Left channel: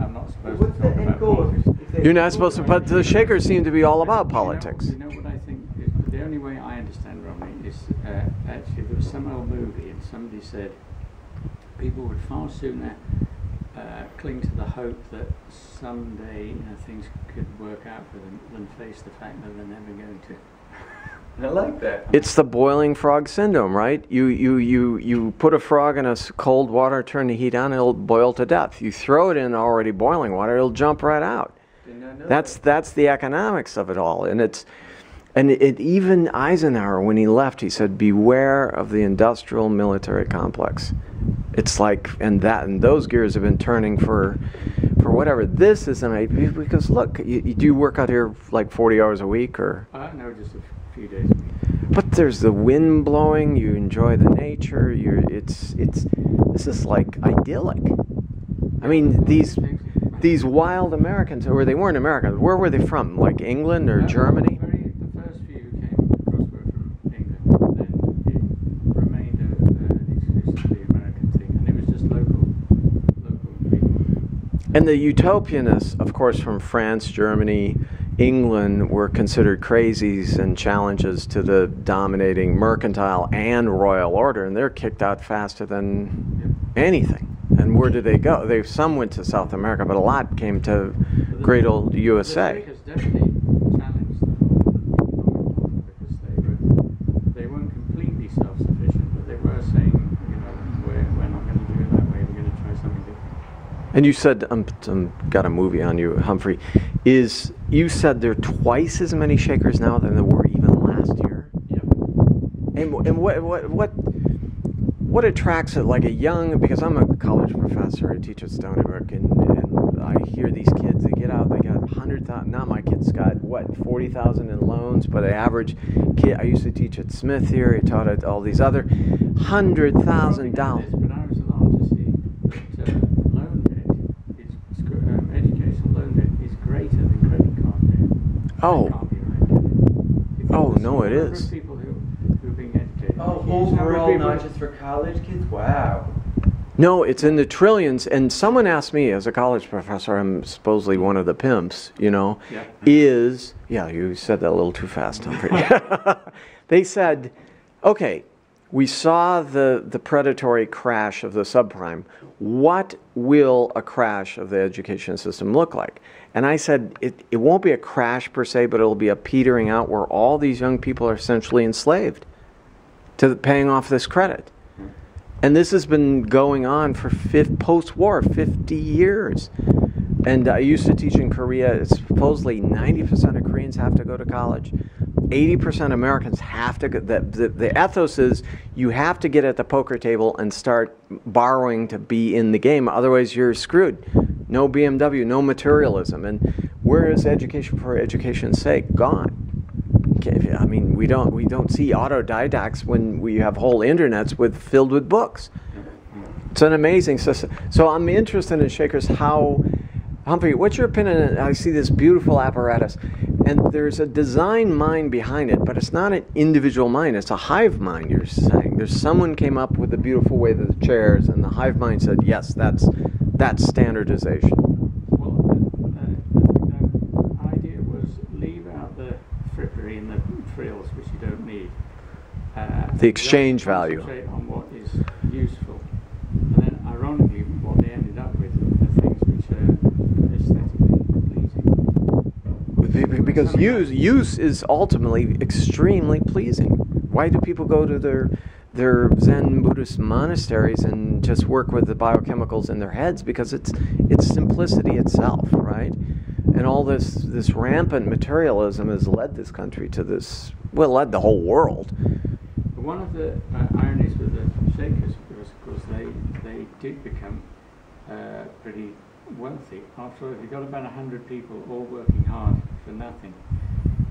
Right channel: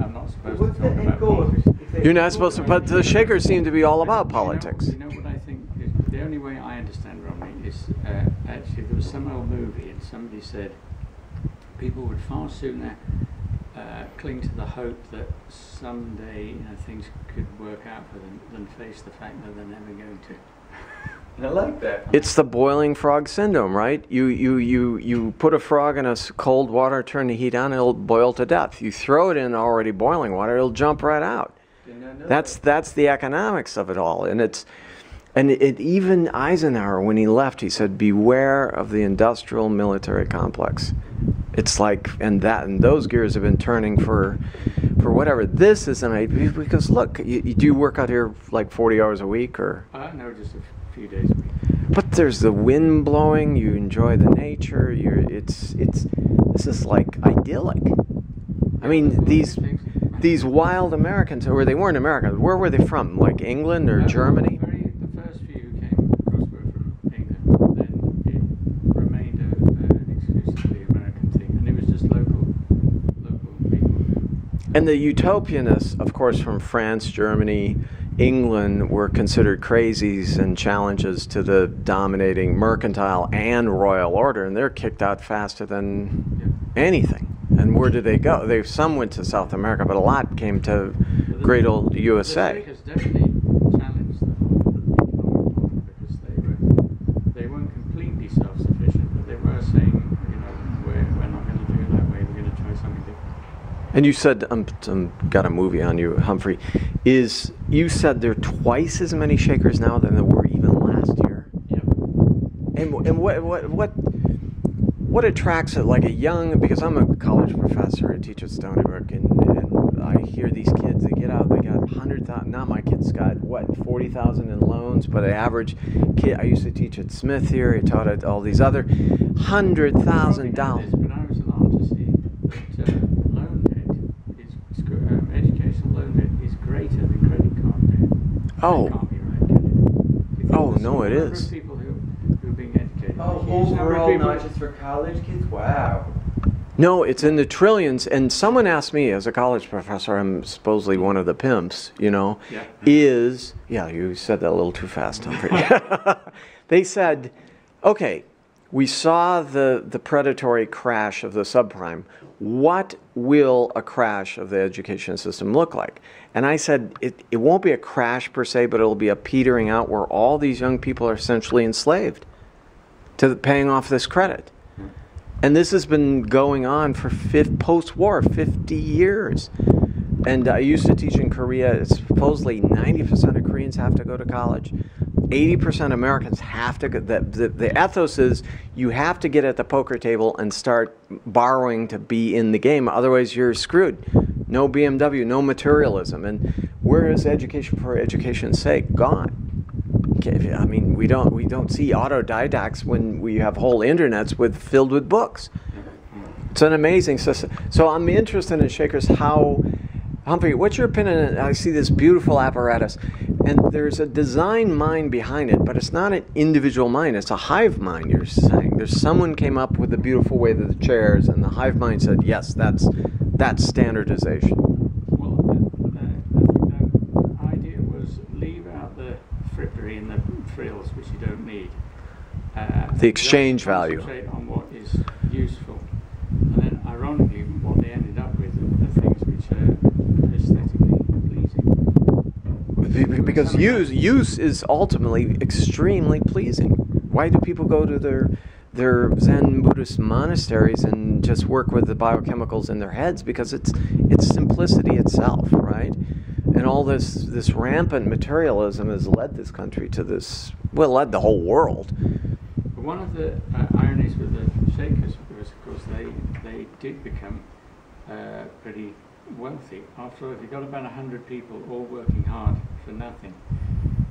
I'm not supposed What's to talk the end about goal? politics. You're not supposed to, but the Shakers seem to be all about politics. You know what I think? Is the only way I understand Romney is actually there was some old movie and somebody said people would far sooner cling to the hope that someday things could work out for them than face the fact that they're never going to. I like that. It's the boiling frog syndrome, right? You put a frog in cold water, turn the heat on, it'll boil to death. You throw it in already boiling water, it'll jump right out. That's the economics of it all, and even Eisenhower, when he left, he said, "Beware of the industrial military complex." It's like, and those gears have been turning for whatever. This is an idea, because look, do you work out here like 40 hours a week or? No, just a few days a week. But there's the wind blowing. You enjoy the nature. This is like idyllic. I mean, these wild Americans, or they weren't Americans. Where were they from? Like England or Germany? The first few who came across were from England. Then it remained an exclusively American thing, and it was just local people who. And the utopianists, of course, from France, Germany, England, were considered crazies and challenges to the dominating mercantile and royal order, and they're kicked out faster than anything. And where did they go? Some went to South America, but a lot came to great old USA. The Shakers definitely challenged the whole economic model because they weren't completely self-sufficient, but they were saying, we're not going to do it that way. We're going to try something different. And you said, got a movie on you, Humphrey. You said there are twice as many Shakers now than there were even last year? Yep. And what attracts it, like a young, because I'm a college professor, I teach at Stony Brook, and I hear these kids, they get out, they got 100,000, now my kid's got, 40,000 in loans, but an average kid, I used to teach at Smith here, I taught at all these other, $100,000. But I was alarmed to see that loan debt, educational loan debt is greater than credit card debt. Oh. That can't be right, can it? Oh, no, it is. People who are being educated. Oh, overall, not just for college kids? Wow. No, it's in the trillions. And someone asked me, as a college professor, I'm supposedly one of the pimps, you said that a little too fast, Humphrey. They said, okay, we saw the predatory crash of the subprime. What will a crash of the education system look like? And I said, it won't be a crash per se, but it'll be a petering out where all these young people are essentially enslaved to paying off this credit. And this has been going on for post-war, 50 years. And I used to teach in Korea. It's supposedly 90% of Koreans have to go to college. 80% of Americans have to go. The ethos is you have to get at the poker table and start borrowing to be in the game. Otherwise, you're screwed. No BMW, no materialism. And where is education for education's sake? Gone. I mean, we don't see autodidacts when we have whole internets filled with books. It's an amazing system. So I'm interested in Shakers. Humphrey, what's your opinion? I see this beautiful apparatus, and there's a design mind behind it, but it's not an individual mind. It's a hive mind, you're saying. There's someone came up with a beautiful way of the chairs, and the hive mind said, yes, that's standardization. Well, I think that idea was leave out the frippery and the frills, which you don't need. The exchange value. Concentrate on what is useful. And then, ironically, what they ended up with are things which are aesthetically pleasing. Because use is ultimately extremely pleasing. Why do people go to their Zen Buddhist monasteries and just work with the biochemicals in their heads? Because it's simplicity itself, right? And all this rampant materialism has led this country to this, led the whole world. One of the ironies with the Shakers was, of course, they did become pretty wealthy. After all, if you've got about 100 people all working hard for nothing,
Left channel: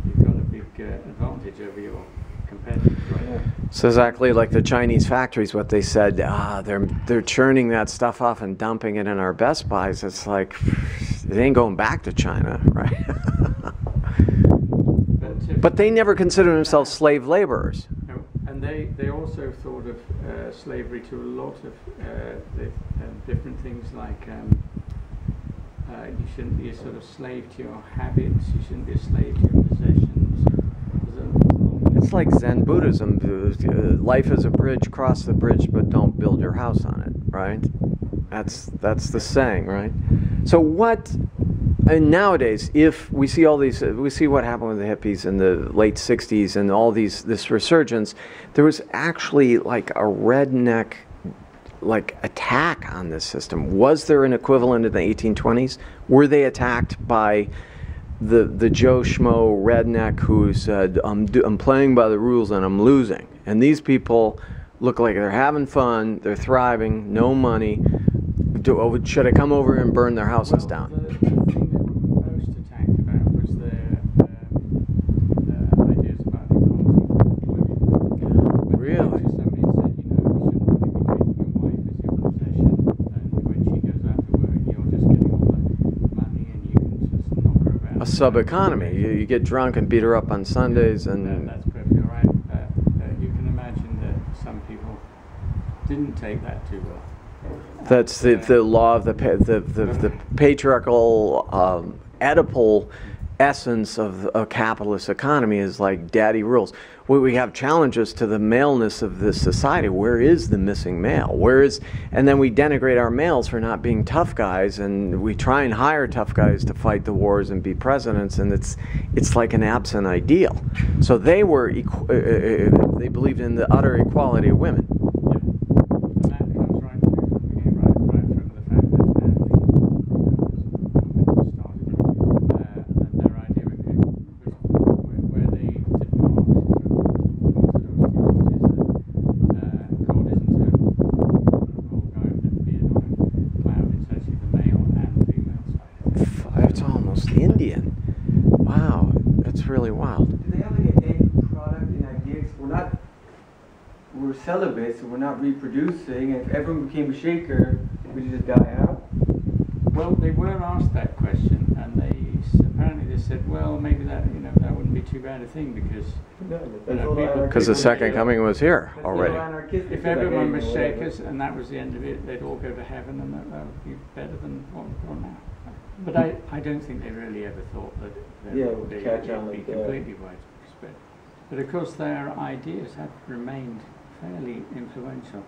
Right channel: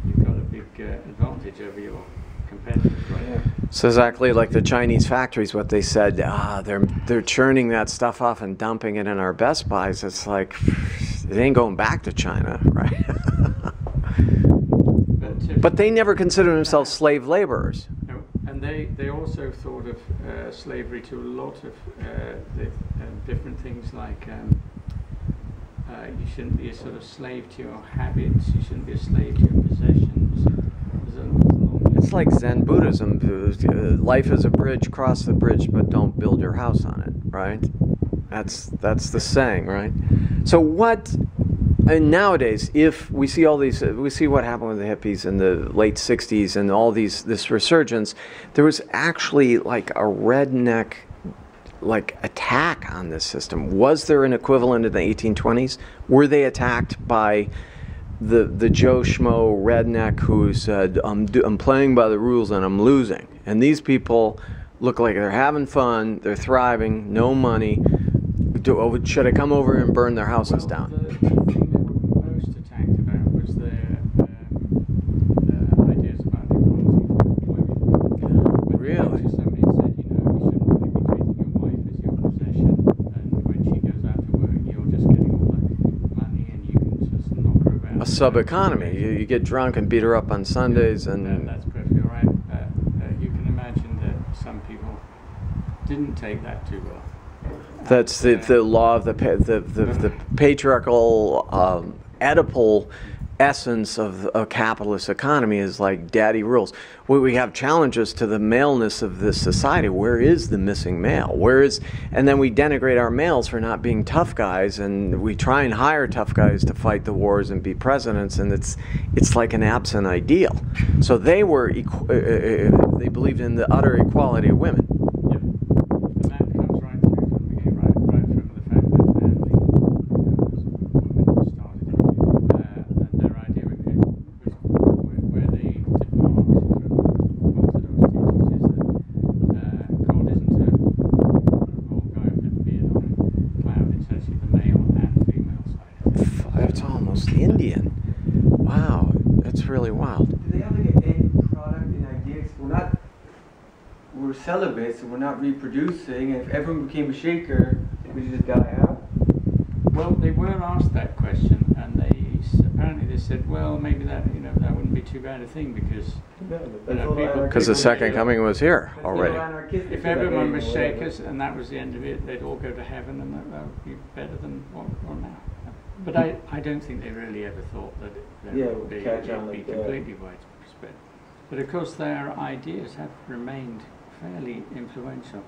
you've got a big advantage over your competitors, right? So exactly like the Chinese factories, what they said, they're churning that stuff off and dumping it in our Best Buys. It's like, it ain't going back to China, right? But they never considered themselves slave laborers. No, and they also thought of slavery to a lot of the different things like You shouldn't be a sort of slave to your habits. You shouldn't be a slave to your possessions. It's like Zen Buddhism. Life is a bridge. Cross the bridge, but don't build your house on it. Right? That's the saying, right? So what? And nowadays, if we see all these, we see what happened with the hippies in the late '60s and all this resurgence. There was actually like a redneck attack on this system. Was there an equivalent in the 1820s? Were they attacked by the Joe Schmo redneck who said, I'm playing by the rules and I'm losing? And these people look like they're having fun, they're thriving, no money. Should I come over and burn their houses down? The thing they were most attacked about was their ideas about equality for women. Really? Somebody said, you shouldn't really be treating your wife as your possession, and when she goes out to work, you're just getting all the money, and you can just knock her about. A sub-economy. You get drunk and beat her up on Sundays, and that's perfectly right. You can imagine that some people didn't take that too well. That's the law of the patriarchal Oedipal essence of a capitalist economy is like daddy rules. We have challenges to the maleness of this society. Where is the missing male? And then we denigrate our males for not being tough guys, and we try and hire tough guys to fight the wars and be presidents, and it's like an absent ideal. So they believed in the utter equality of women. Yep. And that comes right through from the beginning, right from the fact that Stanley, women started it, and their idea was where they depart from the orthodox teachings is that God isn't a old guy with a beard on a cloud. It's actually the male and female side of it. It's almost Indian. Wow, that's really wild. Do they have like an end product in ideas? We're celibate, so we're not reproducing, and if everyone became a shaker, would you just die out? Well, they were asked that question, and apparently they said, well, maybe that that wouldn't be too bad a thing because because the second coming was here already. If everyone was shakers and that was the end of it, they'd all go to heaven, and that would be better than what we're on now. But I don't think they really ever thought that it would be completely widespread. But of course, their ideas have remained fairly influential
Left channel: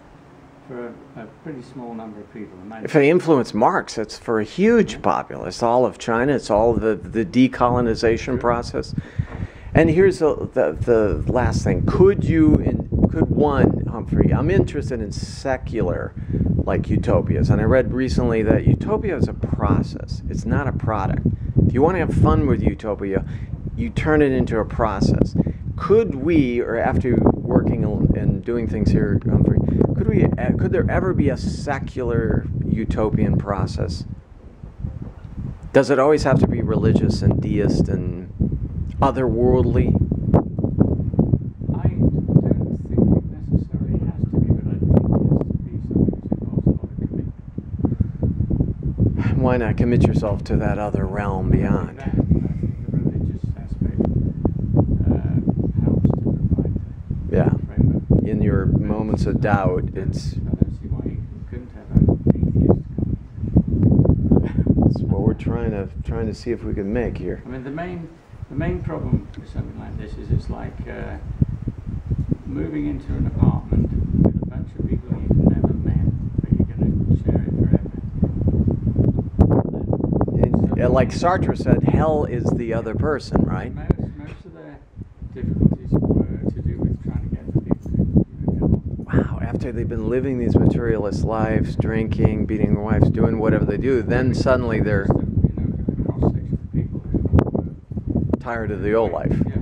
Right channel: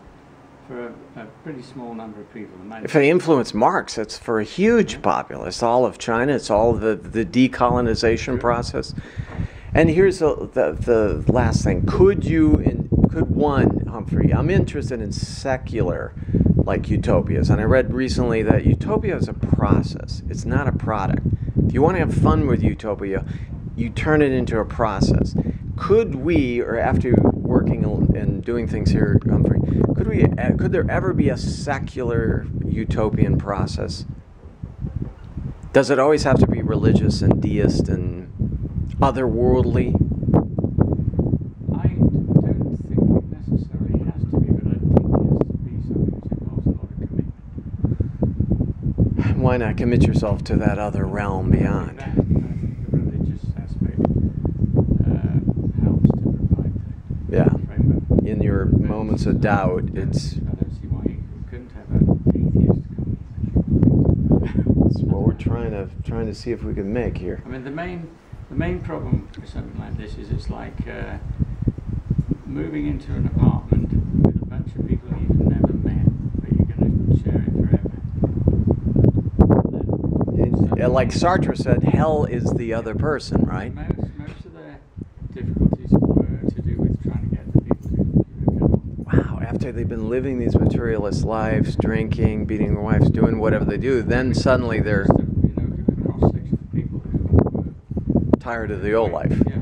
for a pretty small number of people. If they influence Marx, it's for a huge populace. It's all of China. It's all the decolonization process. And here's the last thing. Could one, Humphrey, I'm interested in secular, like utopias. And I read recently that utopia is a process. It's not a product. If you want to have fun with utopia, you turn it into a process. Could we, or after working and doing things here, Humphrey, could there ever be a secular utopian process? Does it always have to be religious and deist and otherworldly? I don't think it necessarily has to be, but I think it has to be something which involves a lot of commitment. Why not commit yourself to that other realm beyond? I think the religious aspect helps to provide the framework. In your moments of doubt, it's... I don't see why you couldn't have an atheist come. That's what we're trying to see if we can make here. I mean, the main problem with something like this is it's like moving into an apartment with a bunch of people you've never met, but you're going to share it forever. Like Sartre said, hell is the other person, right? Most of the difficulties were to do with trying to get the people to get on. Wow, after they've been living these materialist lives, drinking, beating their wives, doing whatever they do, then suddenly they're a cross-section of people who were tired of the old life. Yeah.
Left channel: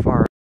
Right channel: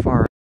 Far